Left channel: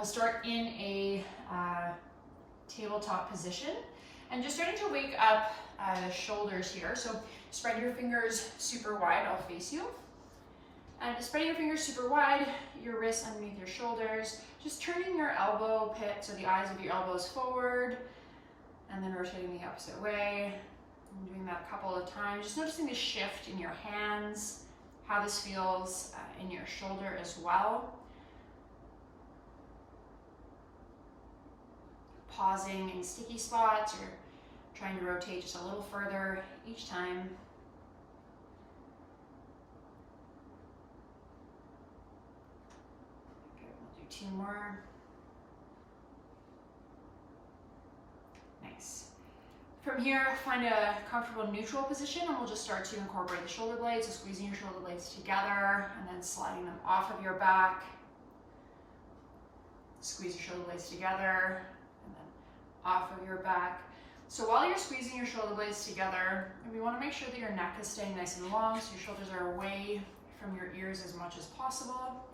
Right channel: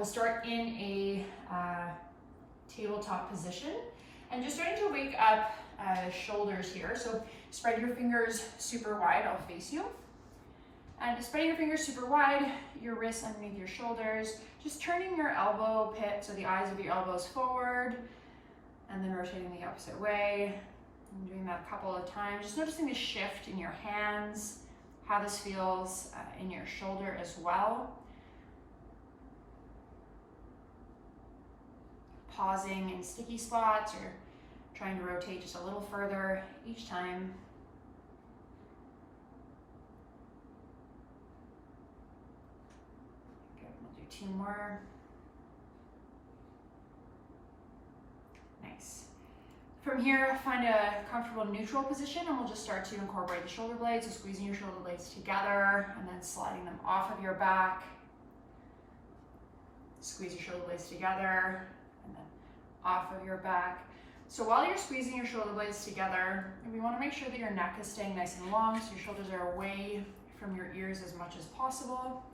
we'll start in a tabletop position and just starting to wake up the shoulders here. So spread your fingers super wide, I'll face you. And spreading your fingers super wide, your wrists underneath your shoulders, just turning your elbow pit, so the eyes of your elbows forward, and then rotating the opposite way. I'm doing that a couple of times. Just noticing the shift in your hands, how this feels in your shoulder as well. Pausing in sticky spots or trying to rotate just a little further each time. Good, we'll do 2 more. Nice. From here, find a comfortable neutral position and we'll just start to incorporate the shoulder blades. So squeezing your shoulder blades together and then sliding them off of your back. Squeeze your shoulder blades together and then off of your back. So while you're squeezing your shoulder blades together, we want to make sure that your neck is staying nice and long, so your shoulders are away from your ears as much as possible.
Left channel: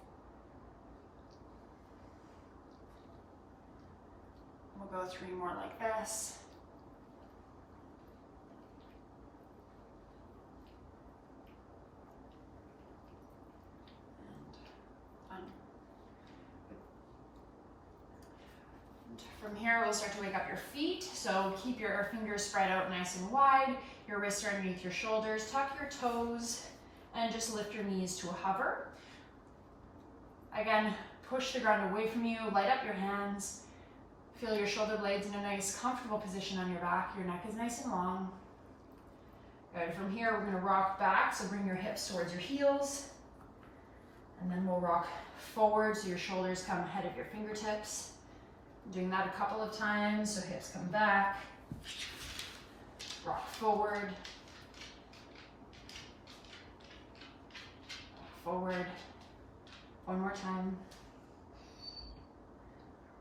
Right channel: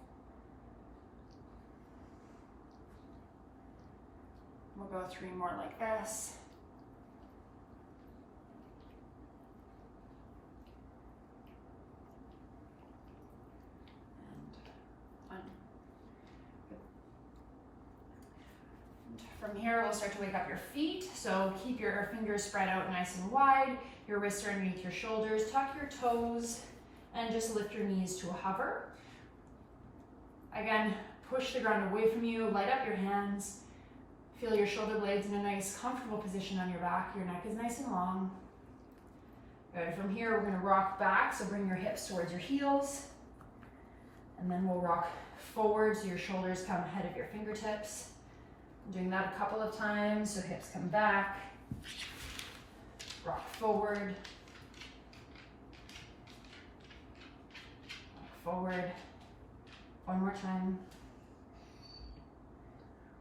We'll go 3 more like this. From here, we'll start to wake up your feet. So keep your fingers spread out nice and wide. Your wrists are underneath your shoulders. Tuck your toes and just lift your knees to a hover. Again, push the ground away from you. Light up your hands. Feel your shoulder blades in a nice, comfortable position on your back. Your neck is nice and long. Good. From here, we're going to rock back. So bring your hips towards your heels. And then we'll rock forward so your shoulders come ahead of your fingertips. Doing that a couple of times, so hips come back, rock forward, rock forward, 1 more time,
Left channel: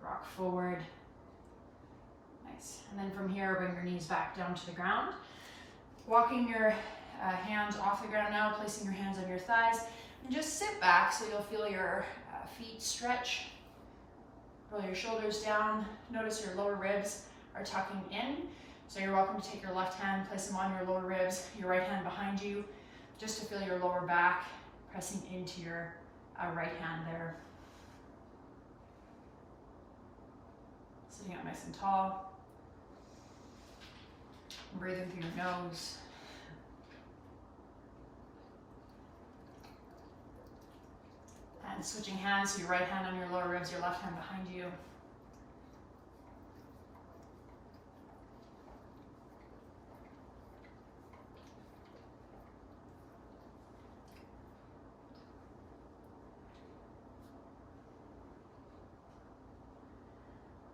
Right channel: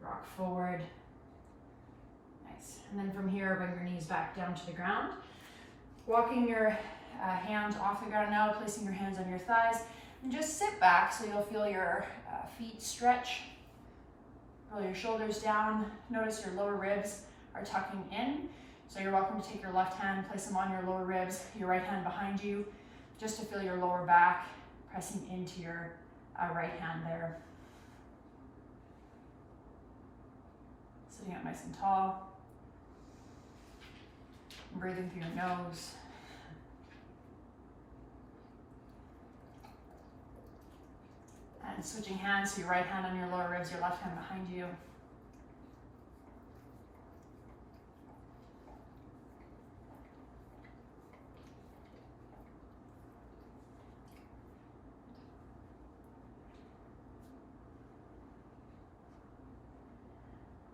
rock forward, nice. And then from here, bring your knees back down to the ground. Walking your hands off the ground now, placing your hands on your thighs, and just sit back so you'll feel your feet stretch. Roll your shoulders down. Notice your lower ribs are tucking in. So you're welcome to take your left hand, place them on your lower ribs, your right hand behind you, just to feel your lower back pressing into your right hand there. Sitting up nice and tall. Breathing through your nose. And switching hands, so your right hand on your lower ribs, your left hand behind you.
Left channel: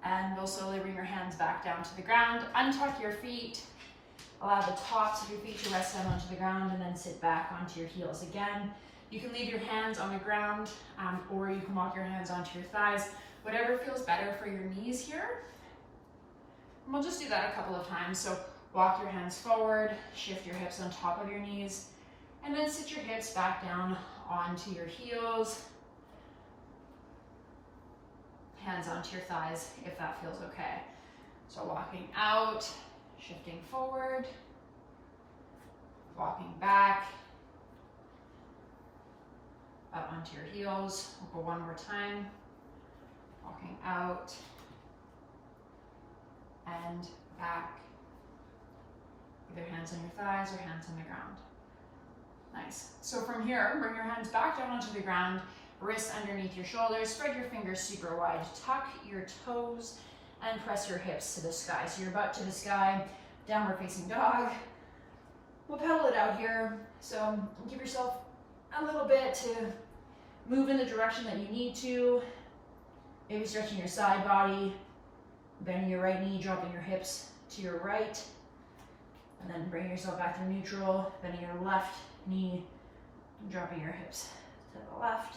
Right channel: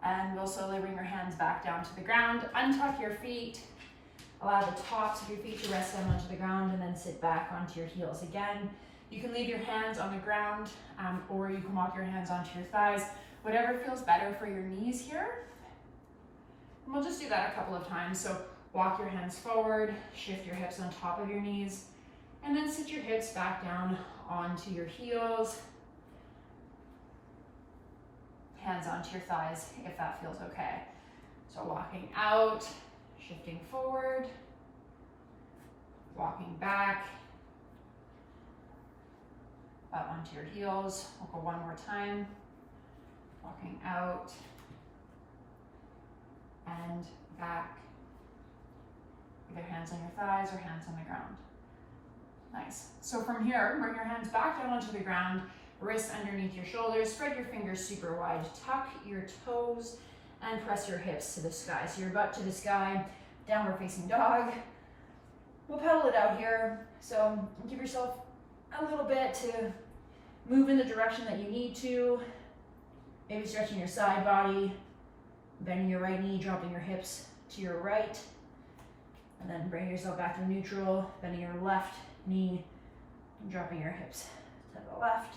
And we'll slowly bring your hands back down to the ground. Untuck your feet. Allow the tops of your feet to rest down onto the ground and then sit back onto your heels again. You can leave your hands on the ground or you can walk your hands onto your thighs, whatever feels better for your knees here. And we'll just do that a couple of times. So walk your hands forward, shift your hips on top of your knees, and then sit your hips back down onto your heels. Hands onto your thighs if that feels okay. So walking out, shifting forward, walking back, up onto your heels. We'll go 1 more time. Walking out and back. Either hands on your thighs or hands on the ground. Nice. So from here, bring your hands back down onto the ground, wrists underneath your shoulders, spread your fingers super wide, tuck your toes, and press your hips to the sky. So your butt to the sky, downward facing dog. We'll pedal it out here. So give yourself a little bit to move in the direction that you need to. Maybe stretching your side body, bending your right knee, dropping your hips to your right, and then bring yourself back to neutral, bending your left knee, and dropping your hips to the left.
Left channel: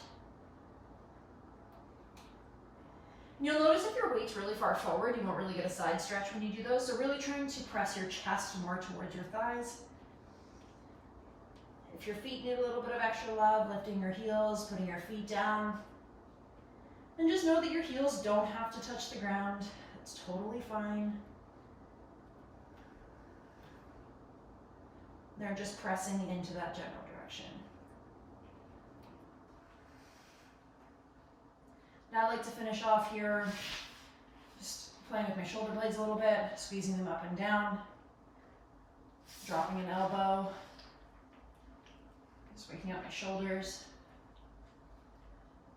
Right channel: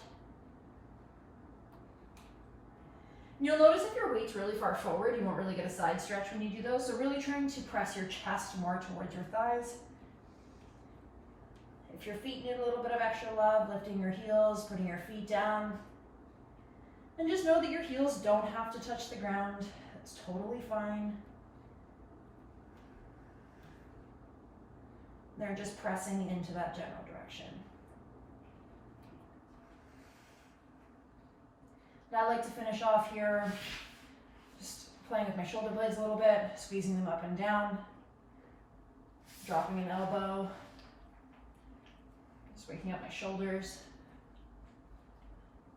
You'll notice if your weight's really far forward, you won't really get a side stretch when you do those, so really trying to press your chest more towards your thighs. If your feet need a little bit of extra love, lifting your heels, putting your feet down, And just know that your heels don't have to touch the ground. That's totally fine. They're just pressing into that general direction. Now I like to finish off here, just playing with my shoulder blades a little bit, squeezing them up and down, dropping an elbow, just waking up my shoulders,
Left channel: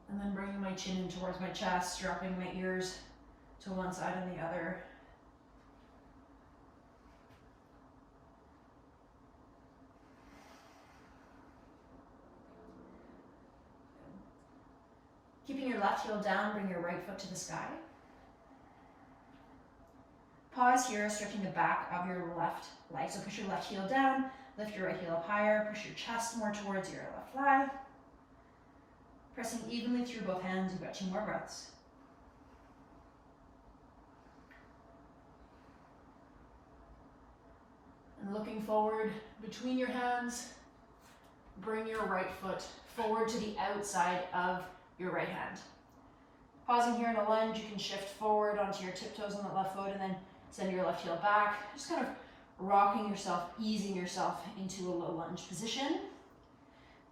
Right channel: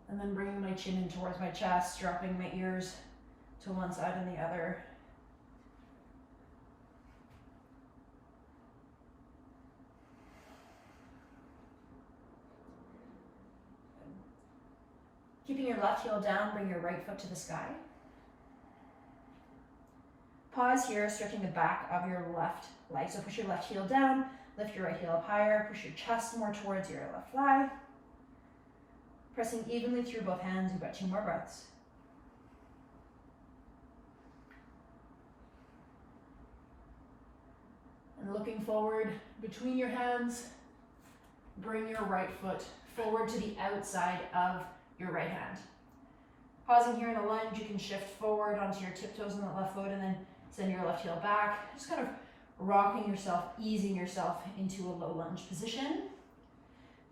and then bringing my chin in towards my chest, dropping my ears to one side and the other. Keeping your left heel down, bring your right foot to the sky. Pause here, stretching the back of your left leg. So push your left heel down, lift your right heel up higher, push your chest more towards your left thigh. Pressing evenly through both hands, you've got 2 more breaths. And looking forward between your hands, bring your right foot forward to the outside of your right hand. Pausing here in a lunge, you can shift forward onto your tiptoes on the left foot and then send your left heel back. Just kind of rocking yourself, easing yourself into a low lunge position.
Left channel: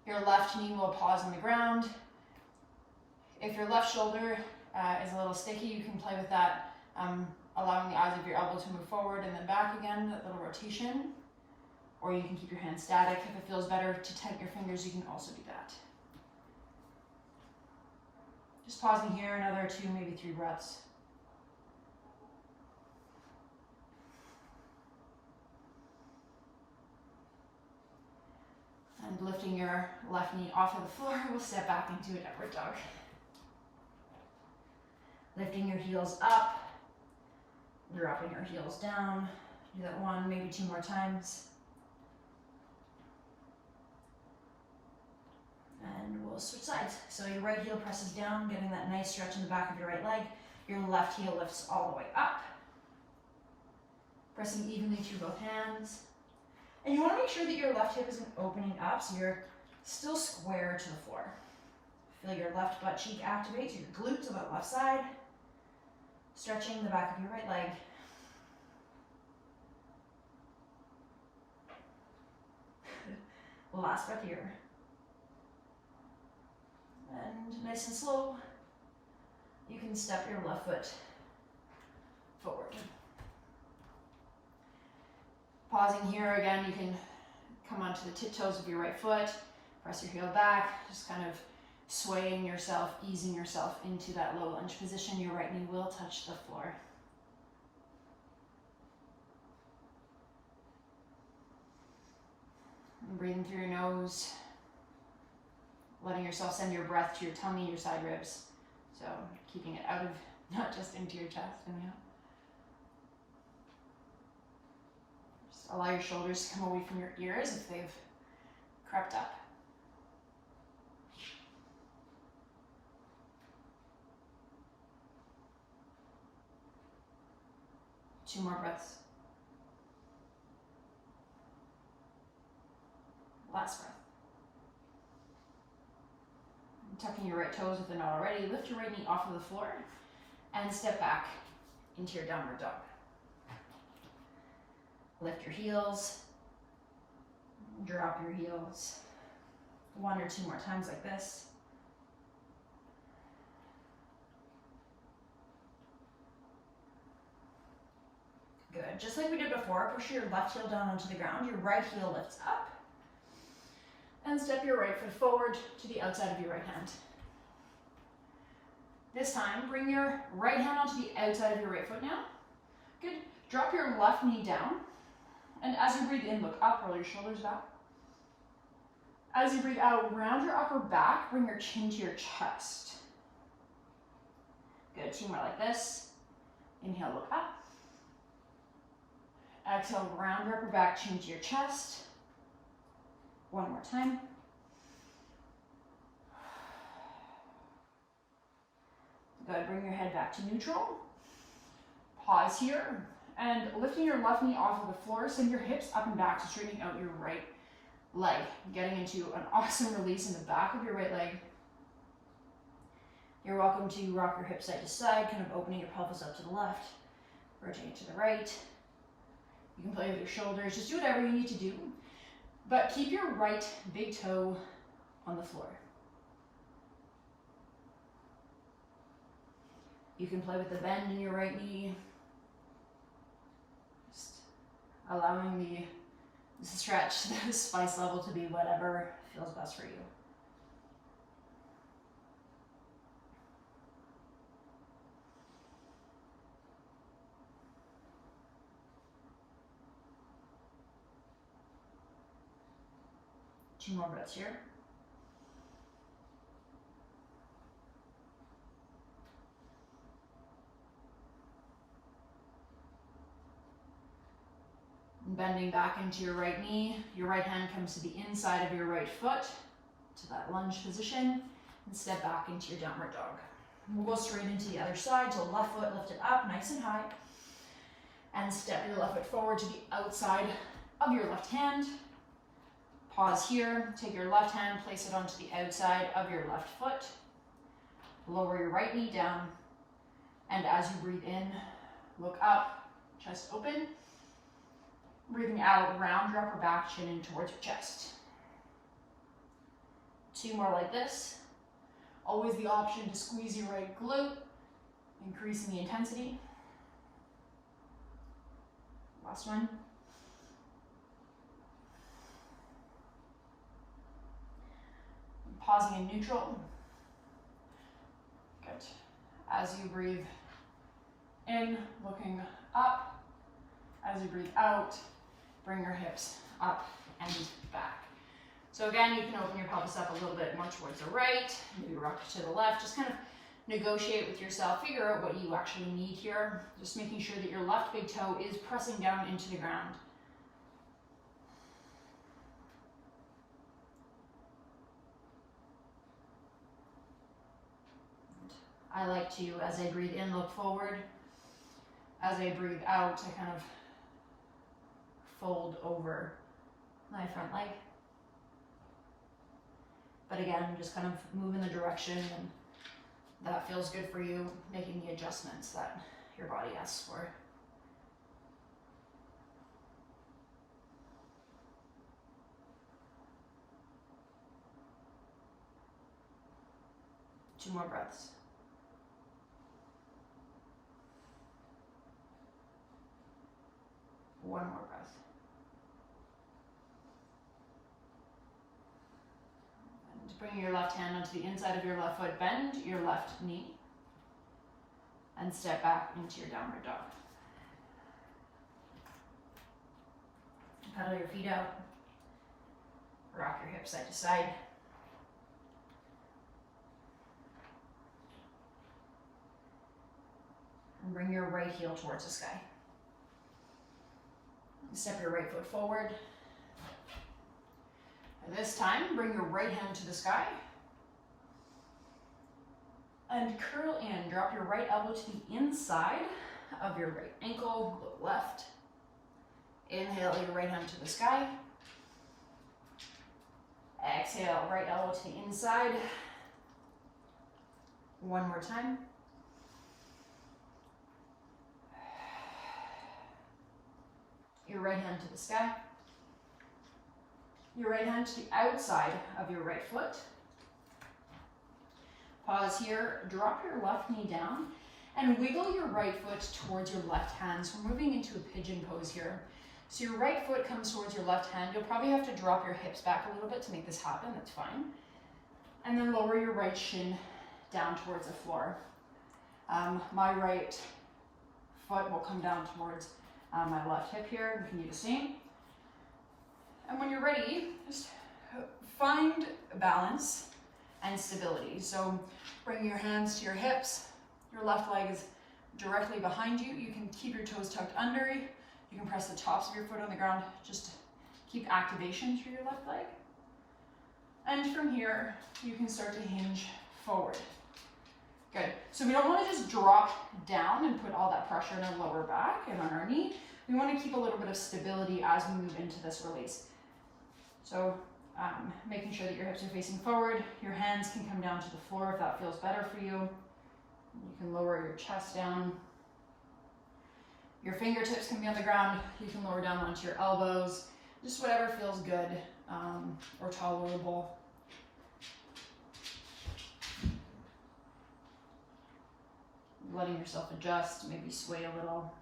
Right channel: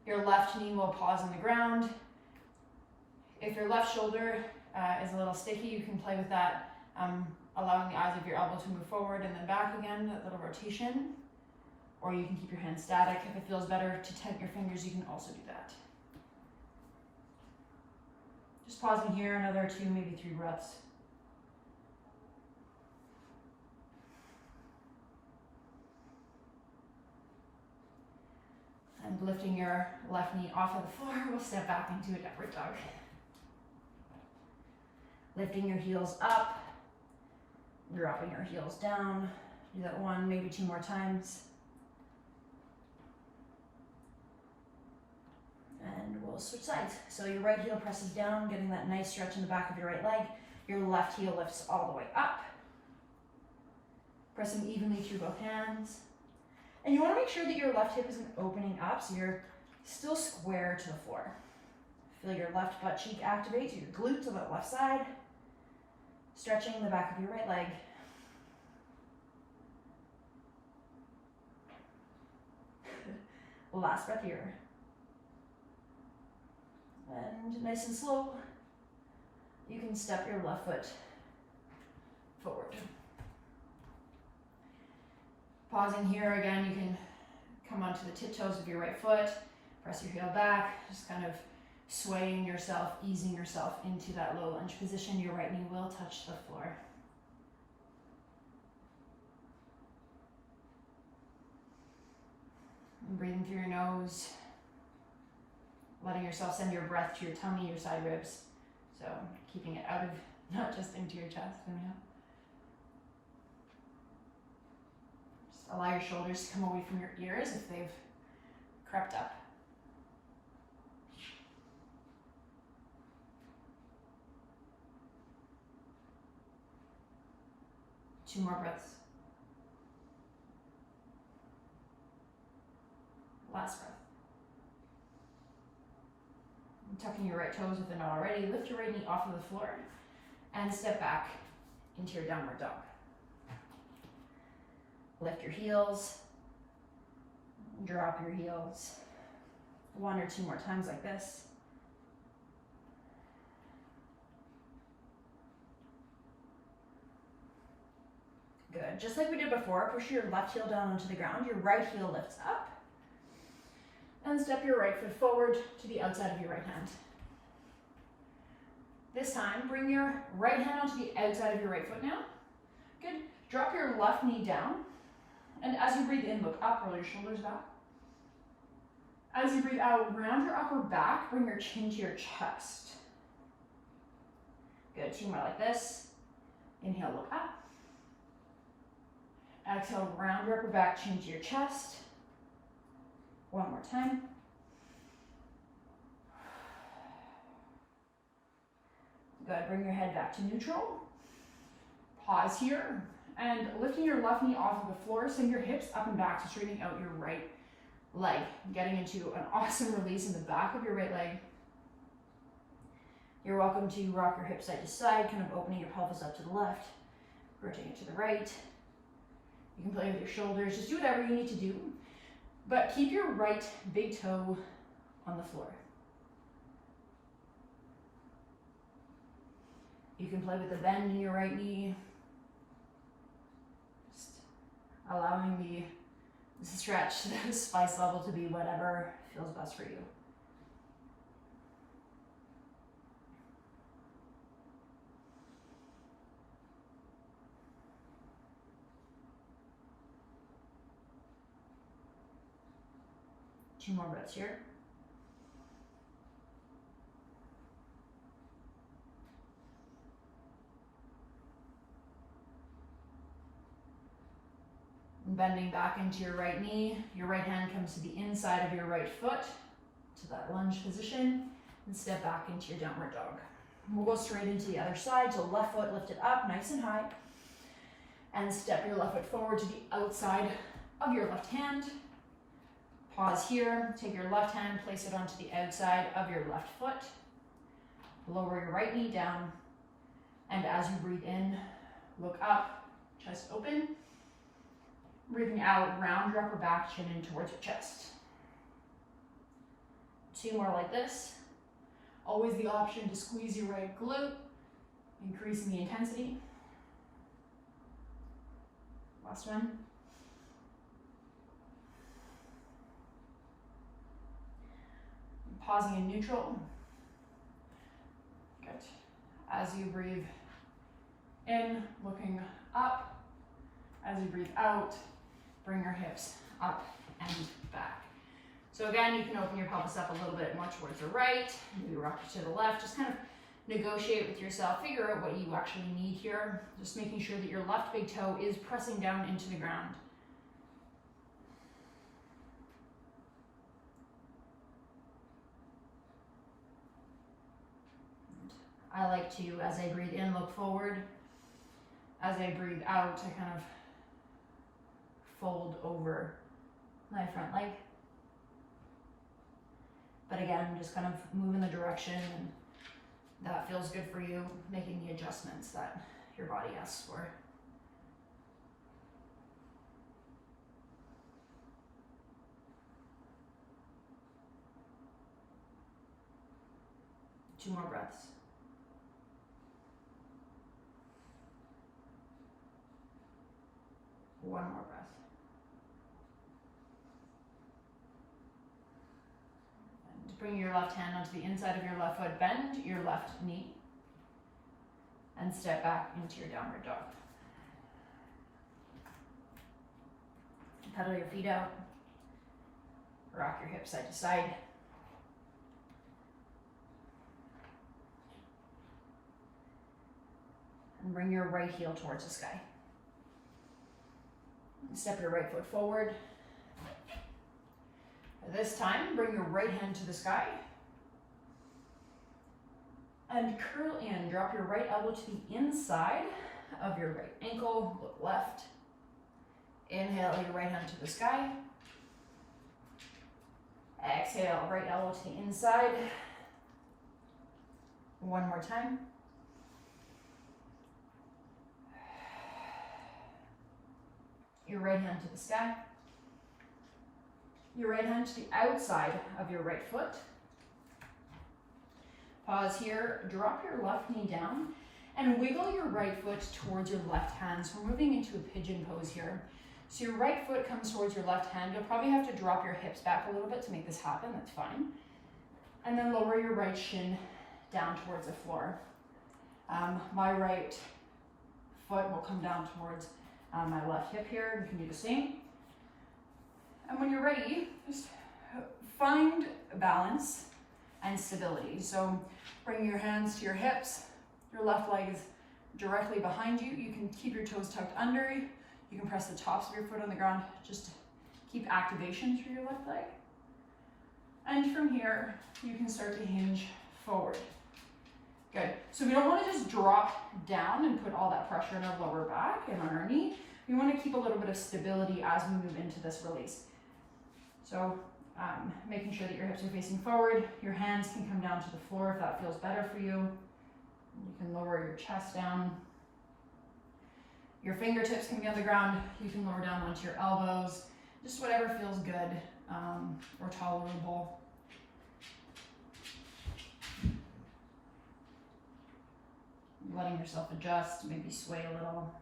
Your left knee will pause on the ground. If your left shoulder is a little sticky, you can play with that, allowing the eyes of your elbow to move forward and then back again, that little rotation. Or you can keep your hands static. If it feels better to tighten your fingers, you can also do that. Just pausing here, another 2, maybe 3 breaths. And lifting your left knee off of the floor, we'll step back into a downward dog. Lifting your heels up, dropping your heels down. Do that 1, maybe 2 more times. And we'll switch sides. So your right heel presses down, getting that nice stretch in the back of your right leg. Your left heel lifts all the way up. Pressing evenly through both hands. And you want to make sure that your left hip isn't opening up, so you're still square to the floor. Feel your left butt cheek activate, so your glutes on that left side. Stretching the back of your right leg. Last breath here. And nice and slow, you can step your left foot forward. Pausing here again, you can come onto the tiptoes of your right foot, press your heel back, just kind of swaying yourself, easing yourself into that low lunge position. Your right knee will touch the floor. And breathing through your nose. Letting yourself send your breath to your tummy, your side ribs. So keeping it out of, not just into your chest. Inhale. Just allow your shoulders to come away from your ears if they've crept up. Two more breaths. Last breath. Tucking your right toes if they're not already. Lift your right knee off of the floor and step back into your downward dog. Lift your heels, drop your heels. 1 or 2 more times like this. Good. Just like we did before, push your left heel down onto the ground. Your right heel lifts up. And step your right foot forward to the outside of your right hand. This time, bring your right hand onto the outside of your right foot now. Good. Drop your left knee down. And as you breathe in, look up, roll your shoulders back. As you breathe out, round your upper back, bring your chin to your chest. Good. 2 more like this. Inhale, look up. Exhale, round your upper back, chin to your chest. 1 more time. Good, bring your head back to neutral. Pause here, and lifting your left knee off of the floor, send your hips up and back to straightening out your right leg. Getting into an awesome release in the back of your right leg. You're welcome to rock your hips side to side, kind of opening your pelvis up to the left, rotating it to the right. You can play with your shoulders, just do whatever you need to do, but keep your right big toe on the floor. You can play with the bend in your right knee, just allowing the stretch, the spice level to be whatever feels best for you. Two more breaths here. Bending back into your right knee, your right hand comes to the inside of your right foot, to that lunge position, and step back into your downward dog. We'll go straight into the other side, so left foot lifted up nice and high, and step your left foot forward to the outside of your left hand. Pause here, take your left hand, place it onto the outside of your left foot, lower your right knee down, and as you breathe in, look up, chest open. Breathing out, round your upper back, chin in towards your chest. Two more like this. Always the option to squeeze your right glute, increasing the intensity. Last one. Pausing in neutral. Good. As you breathe in, looking up. As you breathe out, bring your hips up and back. So again, you can open your pelvis up a little bit more towards the right, maybe rock it to the left, just kind of negotiate with yourself, figure out what you actually need here, just making sure that your left big toe is pressing down into the ground. I like to, as I breathe in, look forward. As I breathe out, I kind of fold over my front leg. But again, just kind of move in the direction, and that feels good for you, making the adjustments that your body asks for. Two more breaths. One more breath. And bring your left hand onto the inside of your left foot, bend your left knee, and step back into your downward dog. Pedal your feet out, rock your hips side to side. And bring your right heel towards the sky. Step your right foot forward. This time, bring your right hand to the sky. And curl in. Drop your right elbow to the inside of your right ankle, look left. Inhale your right hand to the sky. Exhale, right elbow to the inside. One more time. Your right hand to the sky. Your right hand to the outside of your right foot. Pause here, drop your left knee down, and wiggle your right foot towards your left hand. So we're moving into a pigeon pose here. So your right foot comes towards your left hand. You'll probably have to drop your hips back a little bit to make this happen, that's fine. And then lower your right shin down towards the floor. My right foot will come down towards my left hip here. We can do the same. And when you're ready, just find balance and stability. So bring your hands to your hips. Your left leg is directly behind you. You can keep your toes tucked under. You can press the tops of your foot on the ground. Just keep activation through your left leg. And from here, you can start to hinge forward. Good. So we don't want to just drop down and put all that pressure in our lower back and on our knee. We want to keep a little bit of stability as we move into this release. So making sure that your hips are facing forward. Your hands can come down to the floor if that feels better for you. You can lower your chest down. Your fingertips can be on the ground. You can lower down onto your elbows. Just whatever feels good or tolerable. Letting yourself adjust, maybe sway a little.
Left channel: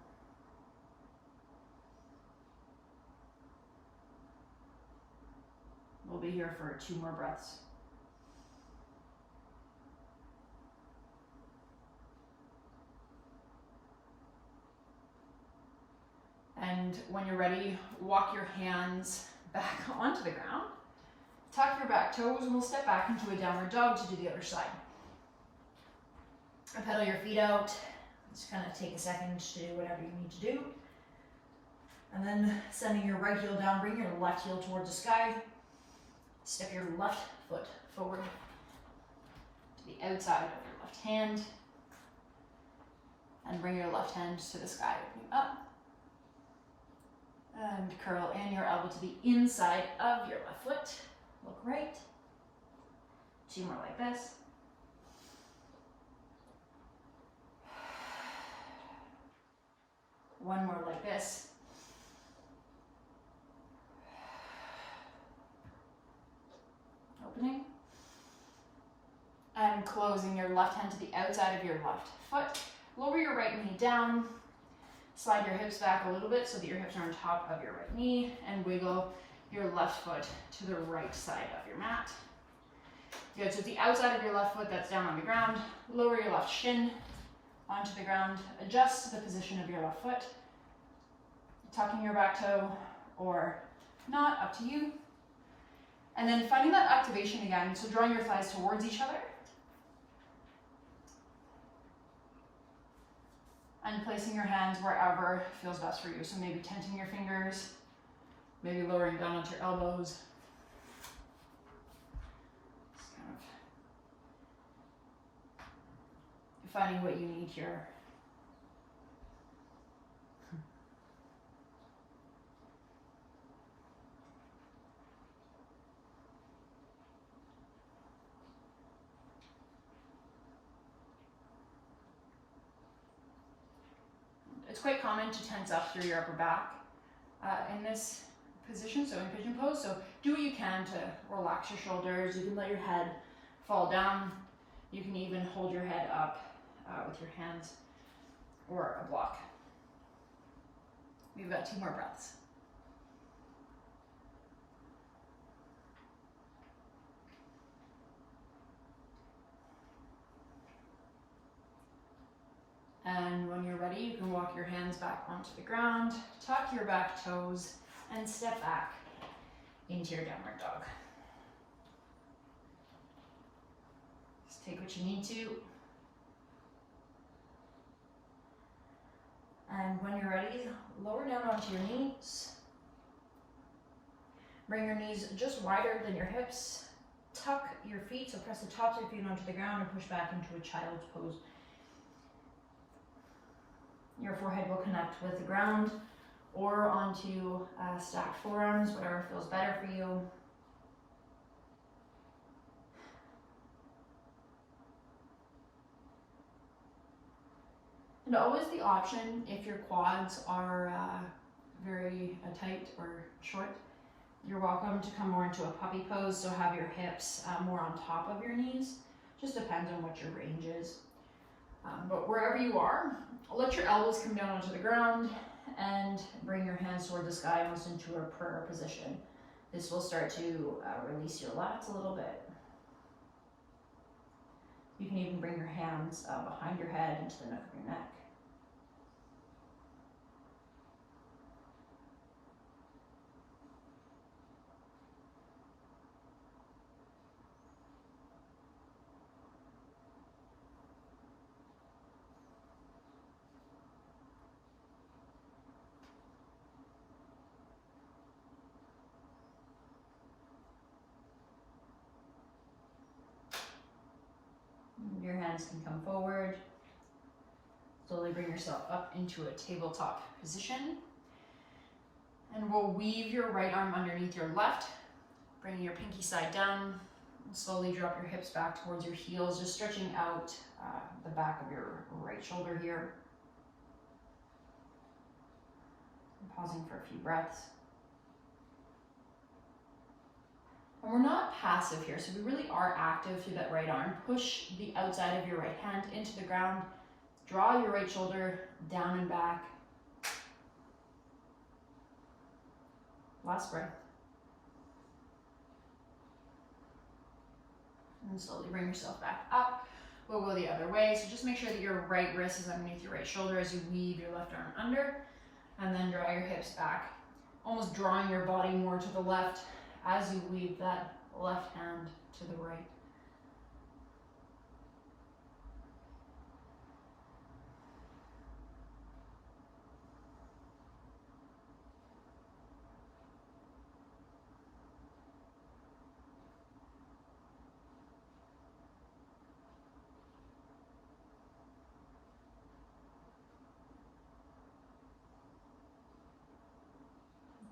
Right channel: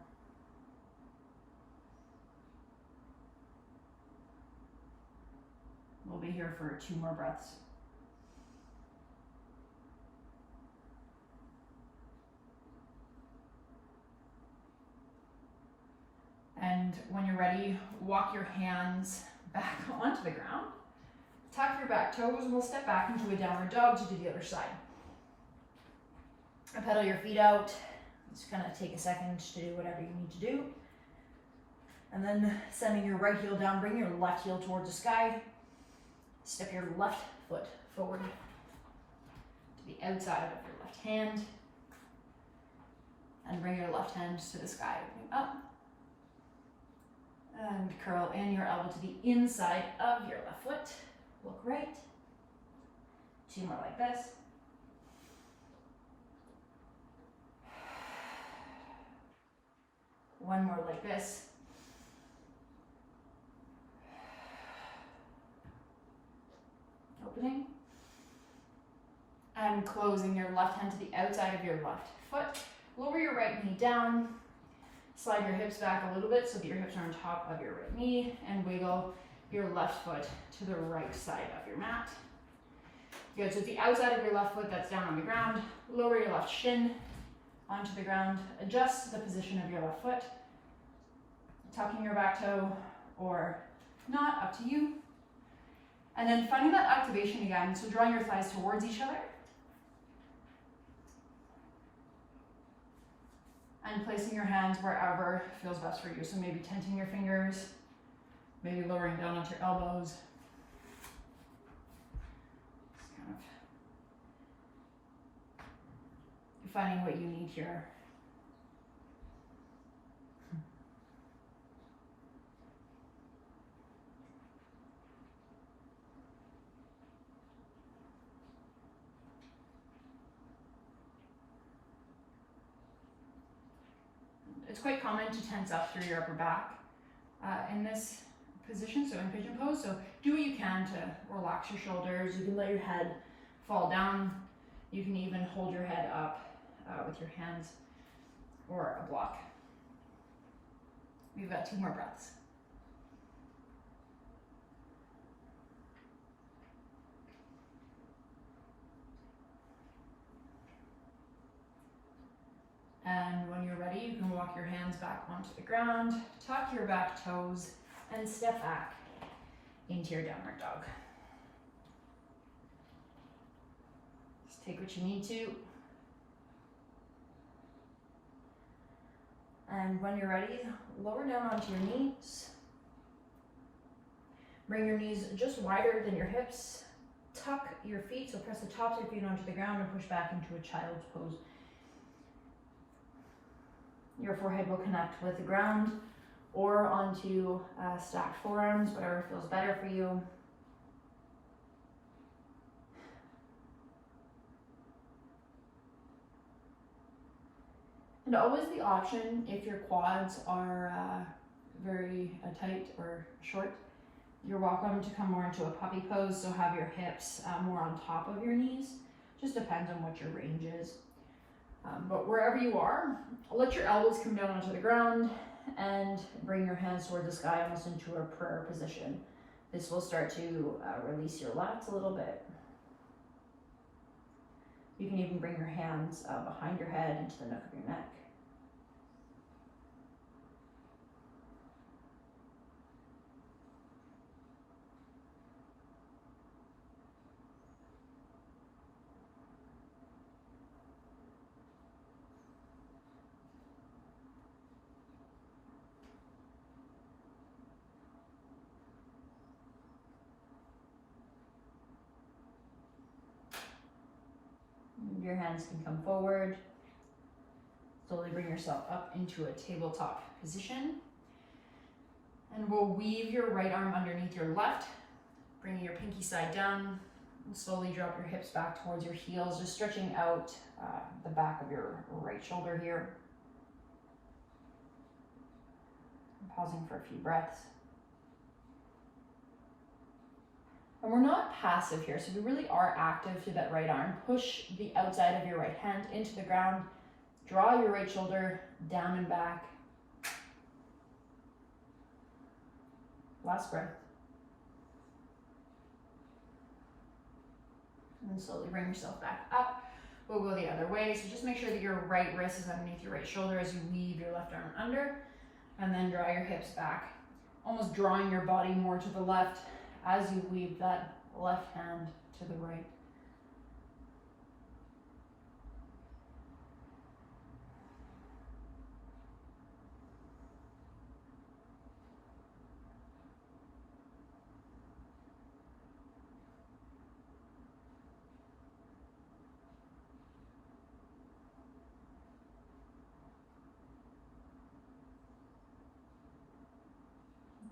We'll be here for 2 more breaths. And when you're ready, walk your hands back onto the ground. Tuck your back toes and we'll step back into a downward dog to do the other side. And pedal your feet out. Just kind of take a second to do whatever you need to do. And then sending your right heel down, bring your left heel towards the sky. Step your left foot forward to the outside of your left hand. And bring your left hand to the sky, opening up. And curl in your elbow to the inside of your left foot. Look right. 2 more like this. One more like this. Opening. And closing your left hand to the outside of your left foot. Lower your right knee down. Slide your hips back a little bit so that your hips are on top of your right knee, and wiggle your left foot to the right side of your mat. Good, so it's the outside of your left foot that's down on the ground. Lower your left shin onto the ground. Adjust the position of your left foot. Tucking your back toe or not, up to you. And then finding that activation again, so drawing your thighs towards each other. And placing your hands wherever feels best for you. So maybe tenting your fingers, maybe lowering down onto your elbows. Just kind of finding what you need here. It's quite common to tense up through your upper back in this position, so in pigeon pose. So do what you can to relax your shoulders. You can let your head fall down. You can even hold your head up with your hands or a block. We've got 2 more breaths. And when you're ready, you can walk your hands back onto the ground, tuck your back toes, and step back into your downward dog. Just take what you need to. And when you're ready, lower down onto your knees. Bring your knees just wider than your hips. Tuck your feet, so press the tops of your feet onto the ground and push back into a child's pose. Your forehead will connect with the ground or onto stacked forearms, whatever feels better for you. And always the option, if your quads are very tight or short, you're welcome to come more into a puppy pose, so have your hips more on top of your knees. Just depends on what your range is. But wherever you are, let your elbows come down onto the ground and bring your hands toward the sky, almost into a prayer position. This will start to release your lats a little bit. You can even bring your hands behind your head into the nook of your neck. Your hands can come forward. Slowly bring yourself up into a tabletop position. And we'll weave your right arm underneath your left. Bring your pinky side down and slowly drop your hips back towards your heels, just stretching out the back of your right shoulder here. And pausing for a few breaths. And we're not passive here, so we really are active through that right arm. Push the outside of your right hand into the ground. Draw your right shoulder down and back. Last breath. And slowly bring yourself back up. We'll go the other way. So just make sure that your right wrist is underneath your right shoulder as you weave your left arm under. And then draw your hips back, almost drawing your body more to the left as you weave that left hand to the right.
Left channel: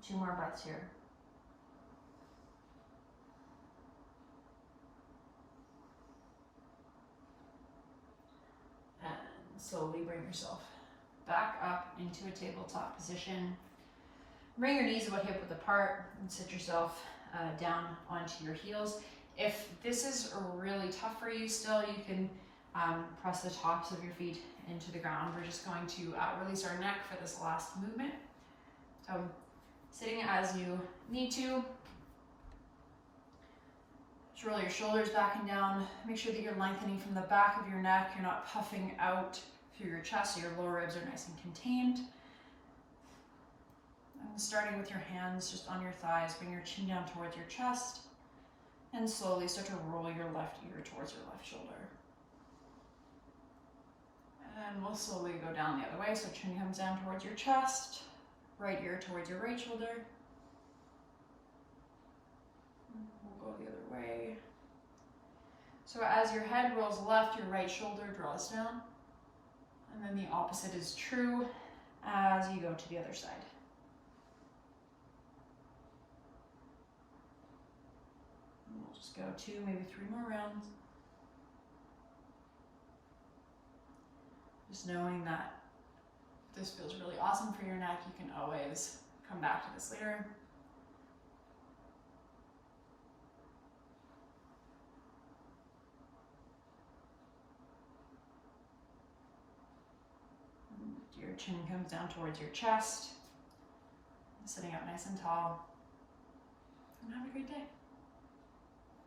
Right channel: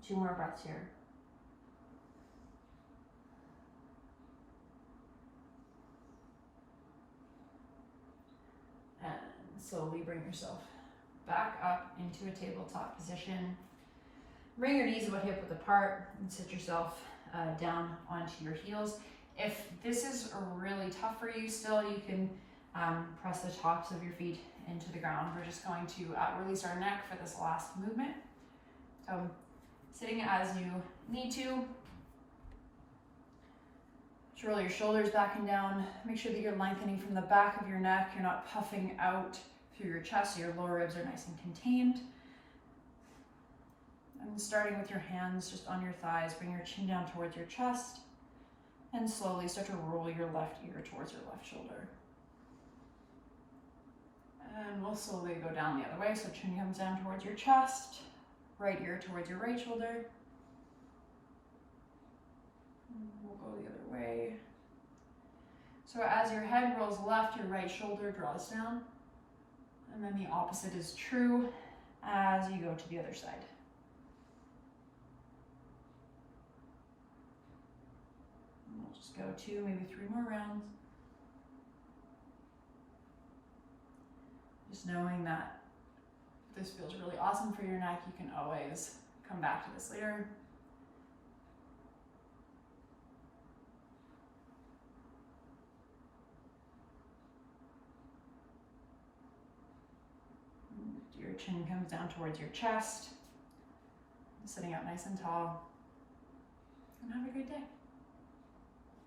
Two more breaths here. And slowly bring yourself back up into a tabletop position. Bring your knees about hip width apart and sit yourself down onto your heels. If this is really tough for you still, you can press the tops of your feet into the ground. We're just going to release our neck for this last movement. So sitting as you need to. Just roll your shoulders back and down. Make sure that you're lengthening from the back of your neck. You're not puffing out through your chest, so your lower ribs are nice and contained. And starting with your hands just on your thighs, bring your chin down towards your chest and slowly start to roll your left ear towards your left shoulder. And we'll slowly go down the other way. So chin comes down towards your chest, right ear towards your right shoulder. We'll go the other way. So as your head rolls left, your right shoulder draws down. And then the opposite is true as you go to the other side. And we'll just go 2, maybe 3 more rounds. Just knowing that if this feels really awesome for your neck, you can always come back to this later. Your chin comes down towards your chest, sitting up nice and tall, and have a great day.